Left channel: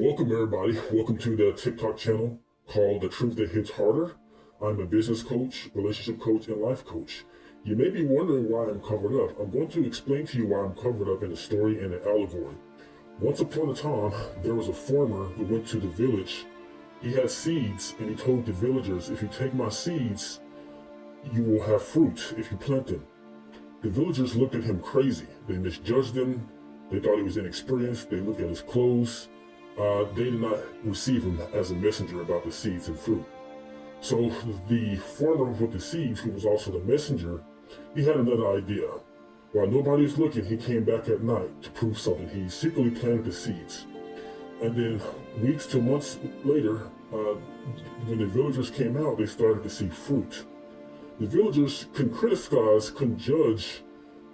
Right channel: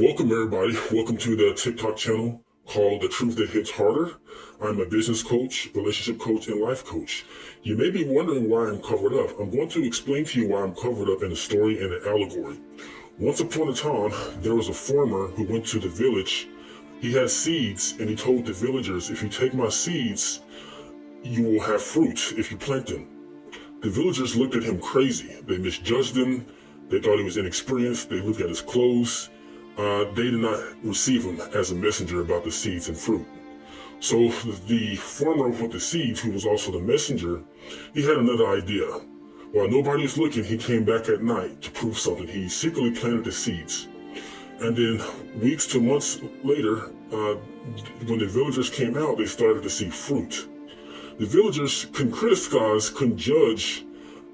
Welcome, everybody. Welcome to the TikTok channel called The Truth That Hits Harder. I'm a business coach, relationship coach, and life coach. You may be wondering why I'm covered up. I'm going to explain to you why I'm covered up in a story and an allegory. Once upon a time, there was a farmer who went to the village. He had seeds, and he told the villagers, if you take my seeds, you will have fruit if you plant them. The villagers looked at him crazy. They misjudged him. They thought he was inexperienced. They looked at his clothes. They did not receive him as a messenger about the seeds and fruit. So the farmer with the seeds, who was also the messenger, he had another idea. While nobody was looking, he came back at night to prove something. He secretly planted the seeds. And then weeks to months later, when the villagers came out, they started to see fruit. The villagers couldn't criticize, couldn't judge,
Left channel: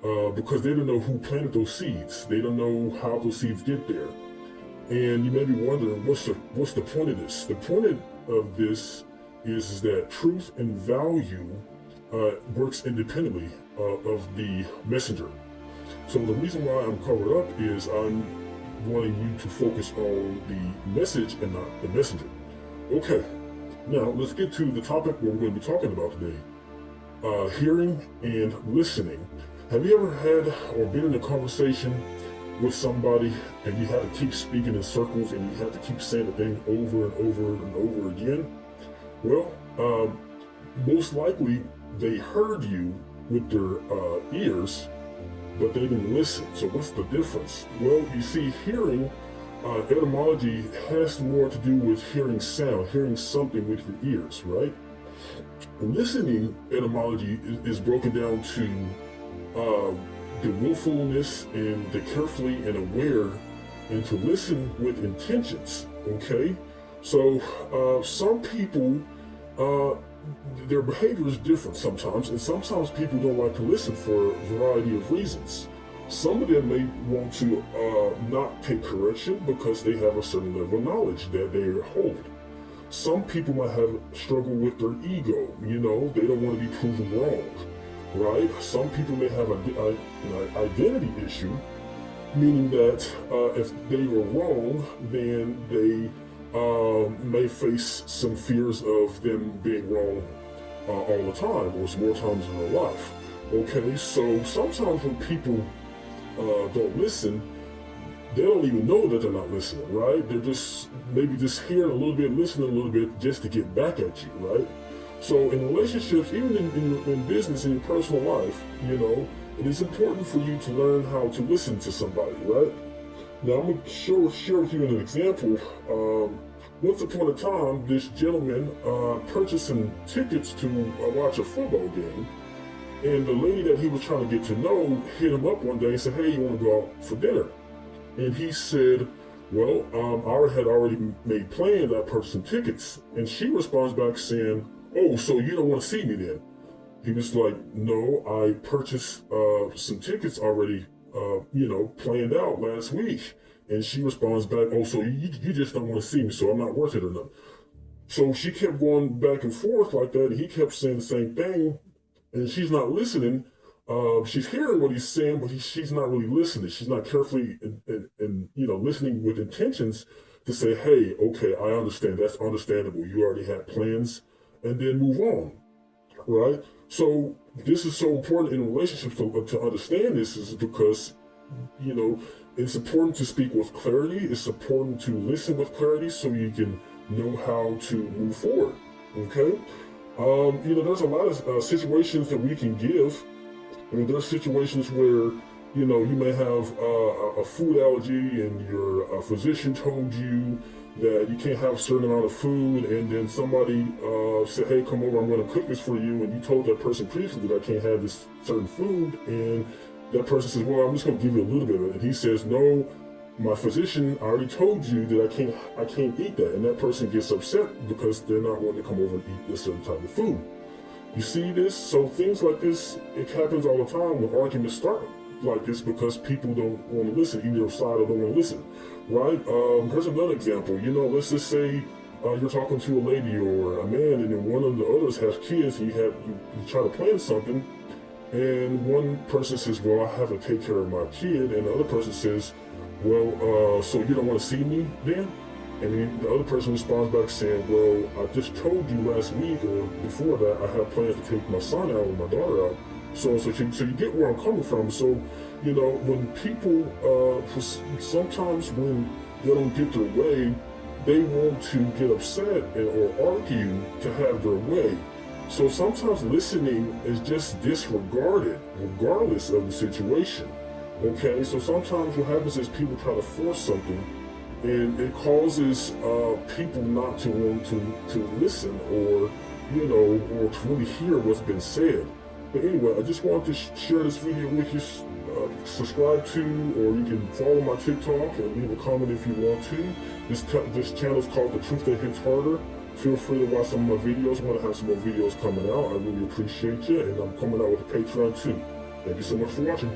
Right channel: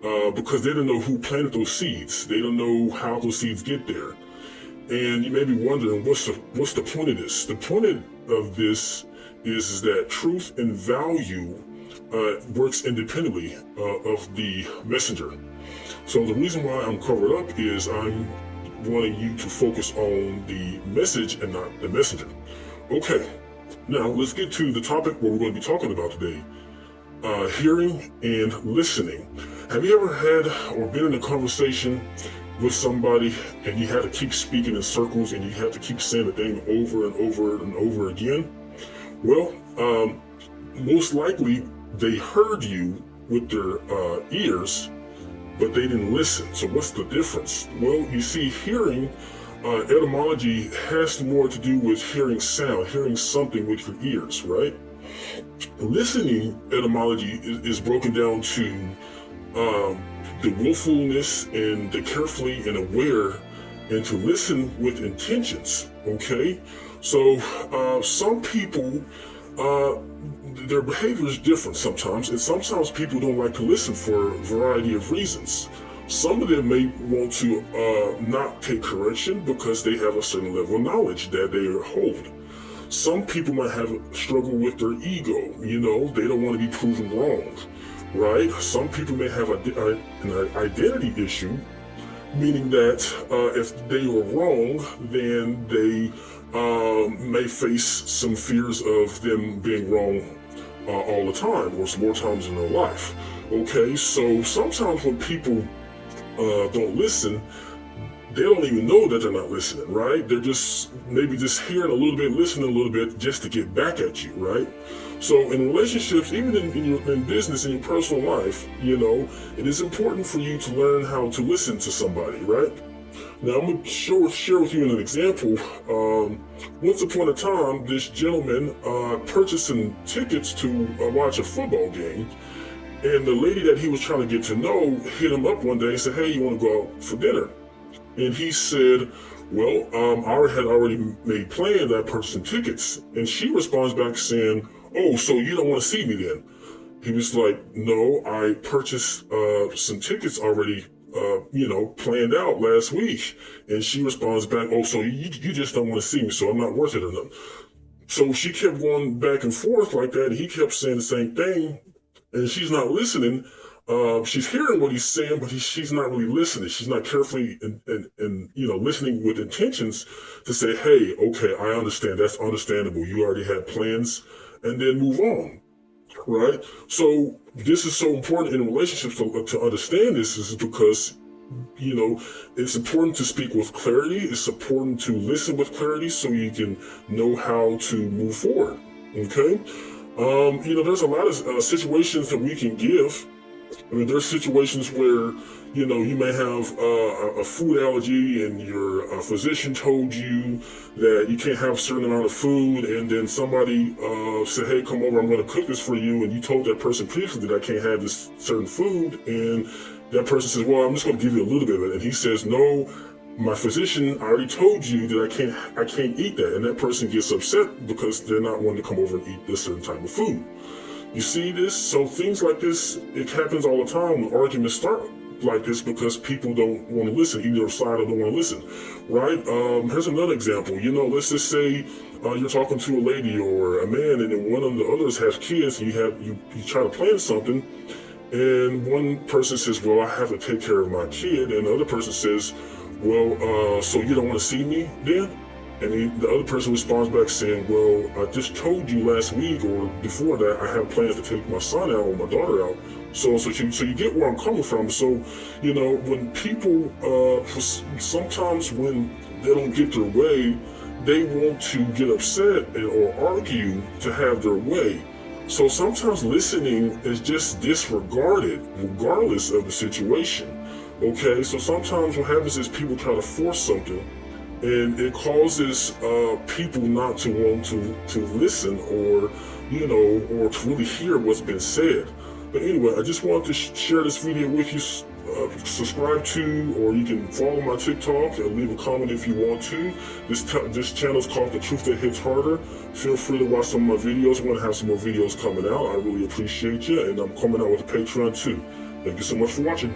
because they didn't know who planted those seeds. They don't know how those seeds get there. And you may be wondering, what's the point of this? The point of this is that truth and value works independently of the messenger. So the reason why I'm covered up is I'm wanting you to focus on the message and not the messenger. Okay, now let's get to the topic where we're going to be talking about today. Hearing and listening. Have you ever had or been in a conversation with somebody and you had to keep speaking in circles and you had to keep saying the thing over and over and over again? Well, most likely they heard you with their ears, but they didn't listen. So what's the difference? Well, you see, hearing, etymology has more to do with hearing sound, hearing something with your ears, right? Listening, etymology, is broken down to the willfulness and the carefully and aware, and to listen with intentions. Okay, so some people, their behavior is different sometimes, and sometimes people don't like to listen for a variety of reasons. Some of them may want to not take correction because they have a certain level of knowledge that they hold. Some people might have a struggle with their ego. They don't want to be proven wrong, right? Some people may have an identity issue, meaning that if they were wrong, then they may face some fears of them being wrong all the time, or more times in their life. Okay, so sometimes when people don't listen, they don't even know that they're not listening, right? They're just maybe just hearing a little bit, listening a little bit, just to get back at you, right? So in relationships, even in business, in your personal life, it is important for you to learn how to listen to somebody, right? Now I'm going to share with you an example. Once upon a time, this gentleman purchased some tickets to watch a football game. And the lady that he was trying to get to know hit him up one day and said, hey, you want to go out for dinner? And he said, well, I had already made plans. I purchased some tickets. And she responds back saying, oh, so you don't want to see me then? He was like, no, I purchased some tickets already, planned out last week. And she responds back, oh, so you just don't want to see me, so I'm not worth it enough. So she kept going back and forth like that. And he kept saying the same thing, and she's not listening. She's hearing what he's saying, but she's not really listening. She's not carefully and listening with intentions to say, hey, okay, I understand. That's understandable. You already had plans, and then move on, right? So this is so important in relationships to understand this, is because it's important to speak with clarity. It's important to listen with clarity so you can know how to move forward. Okay. There's a lot of situations that we can give. There's situations where, you may have a food allergy and your physician told you that you can't have a certain amount of food, and then somebody said, hey, come over, I'm going to cook this for you, and you told that person previously that I can't have this certain food, and that person says, well, I'm just going to give you a little bit of it, and he says, no, my physician, I already told you that I can't eat that, and that person gets upset because they're not wanting to come over and eat this certain type of food. You see this? So things like this, it happens all the time. The arguments start like this because people don't want to listen. Either side don't want to listen, right? Here's another example. Let's just say you're talking to a lady or a man, and then one of the others has kids, and you try to plan something, and one person says, well, I have to take care of my kid, and the other person says, well, so you don't want to see me then? And then the other person responds back saying, well, I just told you last week or before that I have plans to take my son out or my daughter out. So you get where I'm coming from. So, you know, when people, sometimes when they don't get their way, they want to get upset or argue to have their way. So sometimes listening is just disregarded regardless of the situation. Okay, so sometimes what happens is people try to force something and it causes people not to want to listen or, you know, or to really hear what's been said. But anyway, I just wanted to share this video with you. Subscribe to, or you can follow my TikTok and leave a comment if you want to. This channel is called The Truth That Hits Harder. Feel free to watch some of my videos. I'm going to have some more videos coming out. I really appreciate you, and I'm coming out with a Patreon too. Thank you so much for watching.